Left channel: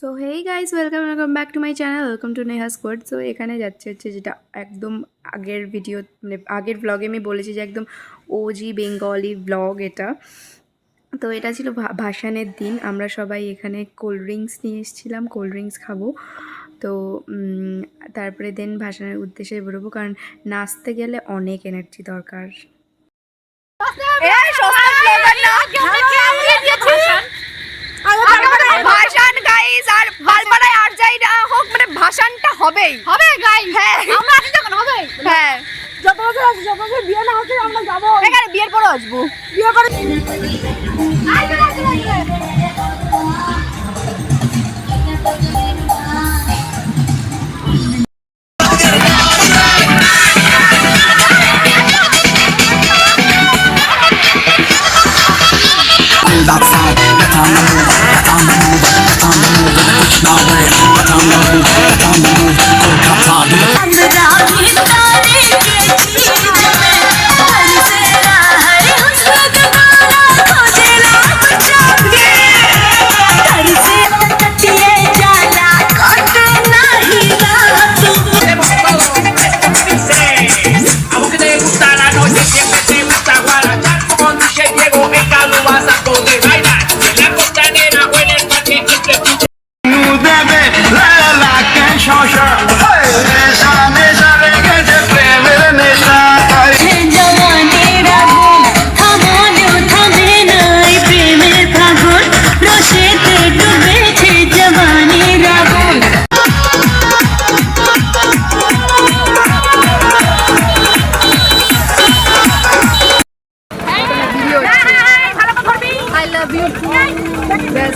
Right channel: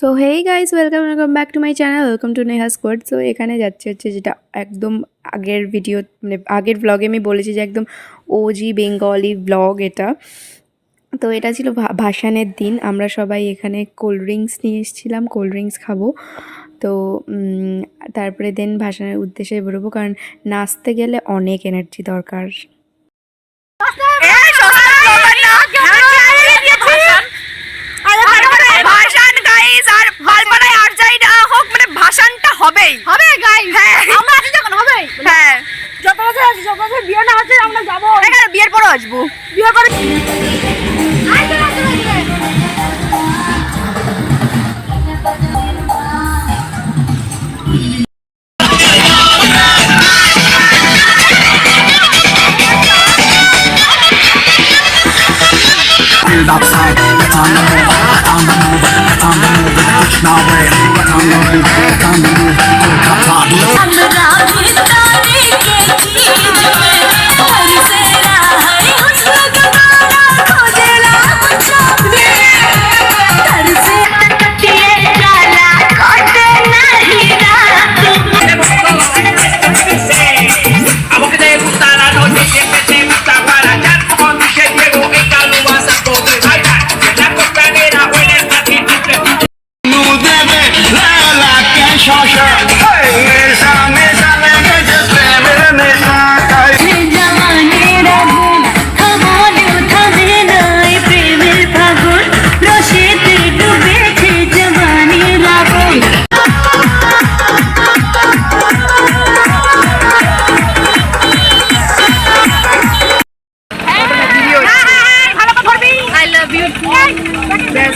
So hey guys, welcome back to my channel, welcome to Neha squad. So এখানে যাচ্ছে যেটা একদম আগের ভিডিও, মানে আগের ব্লগে আমি বলেছি যে একদম ওজি বেঙ্গলি ব্লগ এটা। তো এটা ছিল ভাসানের দিন। আমরা সবাই এখানে কোল্ড ড্রিঙ্কস নিয়ে এসেছিলাম, কোল্ড ড্রিঙ্কস খাবো। তো তারপরে দেন ভাসানের উদ্দেশ্যে বেরোবো, কারণ নাচতে গেলে অনেক এনার্জি দরকার। ভাসান গাইস, আর বালপাড়ায় আর যাই না হোক, মানে ভাসানটা হবেই হবে গাইস। হ্যাঁ আমরা আছি যখন হবে। হ্যাঁ যত বছর আছে, যত বছর বিয়ে না হচ্ছে আমরা যাবো। এখানে বিয়ের পরে আসবো, বিয়ে করে outside, get on the move, get on the move, get on the move, push my way, get on the move, get on the move,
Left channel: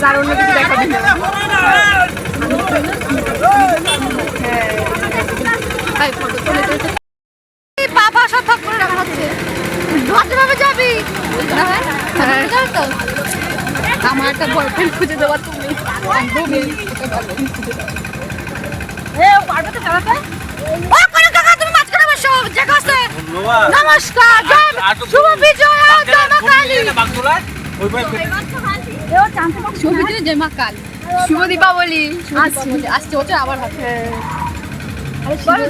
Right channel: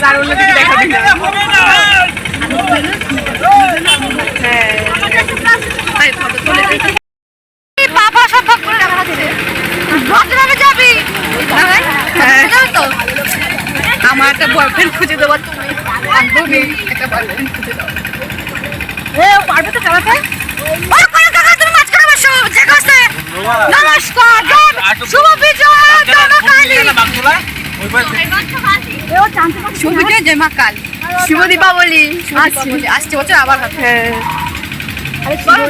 আর অন্য কিছু দেখাবি না। আমার একটা বয়ফ্রেন্ড খুঁজে দেওয়া, তুমি বান্ধবী একটা বয়ফ্রেন্ড খুঁজে দাও। নমস্কার, শুভ বিজয়, শুভ বিজয়, জয় মা কাল, শুভ দীপাবলি আসছে বছর আবার হবে।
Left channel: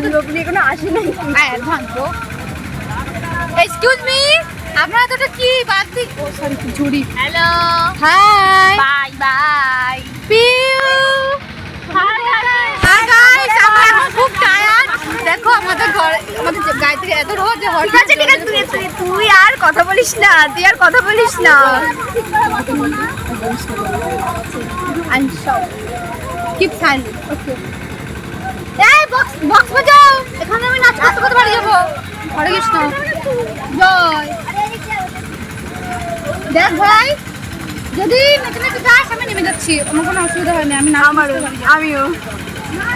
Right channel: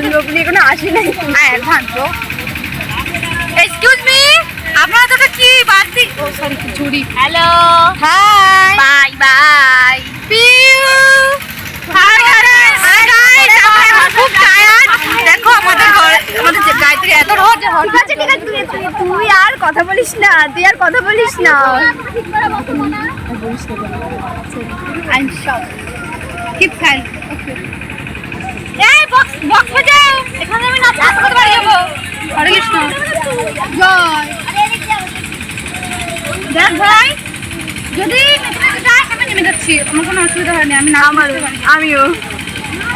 দীপাবলি এখনো আসি নাই, অ্যাডভান্স। এক্সকিউজ মি, আপনারা তো কি বাদ দি, ও সরি চুরি। হ্যালো, হাই, বাই বাই, পিউ, হাই গাইস, আমরা এখন খুব টায়ার্ড। দেখো আমাদের ঘরে, আমাদের গাড়ি থেকে এত রোদ যে হয়। ঠিক আছে ঠিক আছে, তুই আর কথা বলিস না, তুই আর কথা বলিস না। I'm shocked. Keep silent. Okay. এই বক্স বাজাও, এখানে আমি নাচ করতে পারি যাবো। হরে কৃষ্ণ, জয়। দেখ ভাই, যদি মেকানিক যাস আমি নেমে যাচ্ছি, আমার কোনো অসুবিধা হয়নি, আমি নাচ করতে পারি। আমিও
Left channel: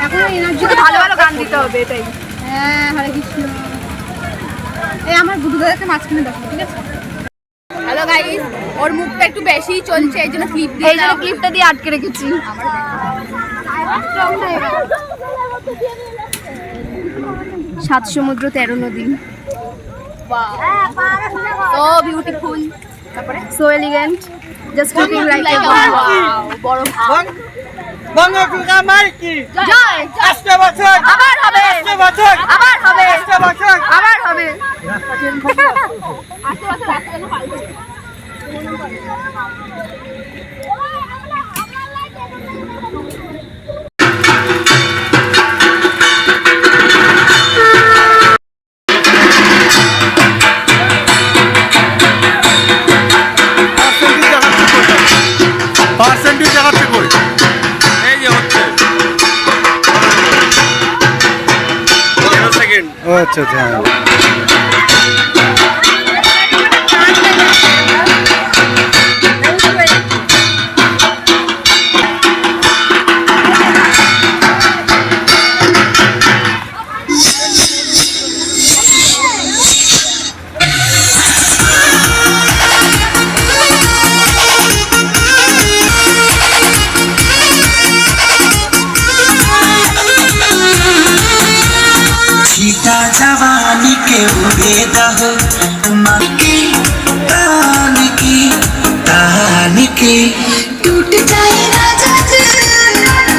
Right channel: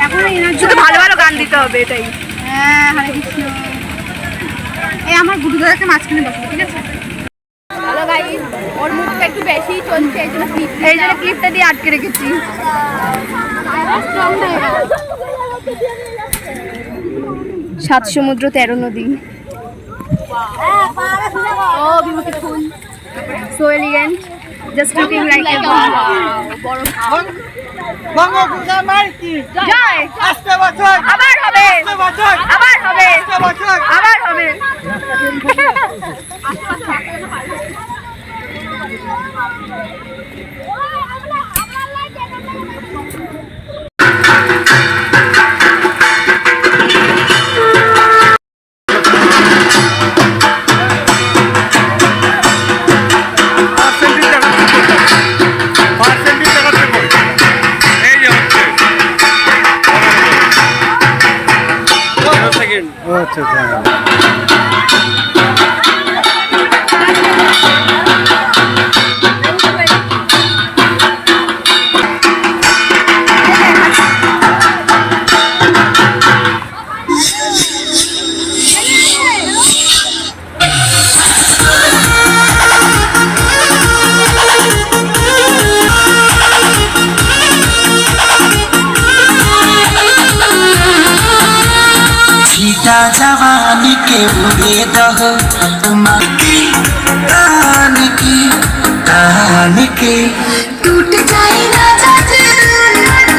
এখন শুধু ভালো ভালো গান দিতে হবে, এটাই। হ্যাঁ, হরে কৃষ্ণ। এই আমার গুরু দাদাকে মাঝখানে বসবো, ঠিক আছে? হ্যালো গাইস, ওর মুখটা একটু বেশি চলছে, এই জন্য ক্লিপটা দিয়ে আটকে রেখেছি। সাত সমুদ্র 13 নদী, oh beautiful, so elegant, just looking like a বড় ভাব। জয়, আবার হবে, আবার হবে, আবার হবে। আচ্ছা আচ্ছা, जवानी के उड़े दहो तान की टूट जाए राजा दिल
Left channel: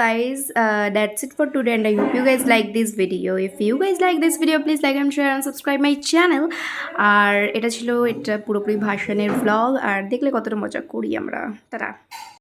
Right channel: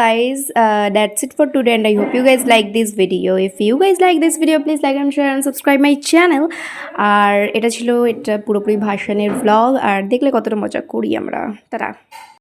guys, that's it for today, and I hope you guys like this video. If you guys like this video, please like and share and subscribe my channel. আর এটা ছিল পুরোপুরি ভাসানের vlog, আর দেখলে কতটা মজা করি আমরা। টাটা।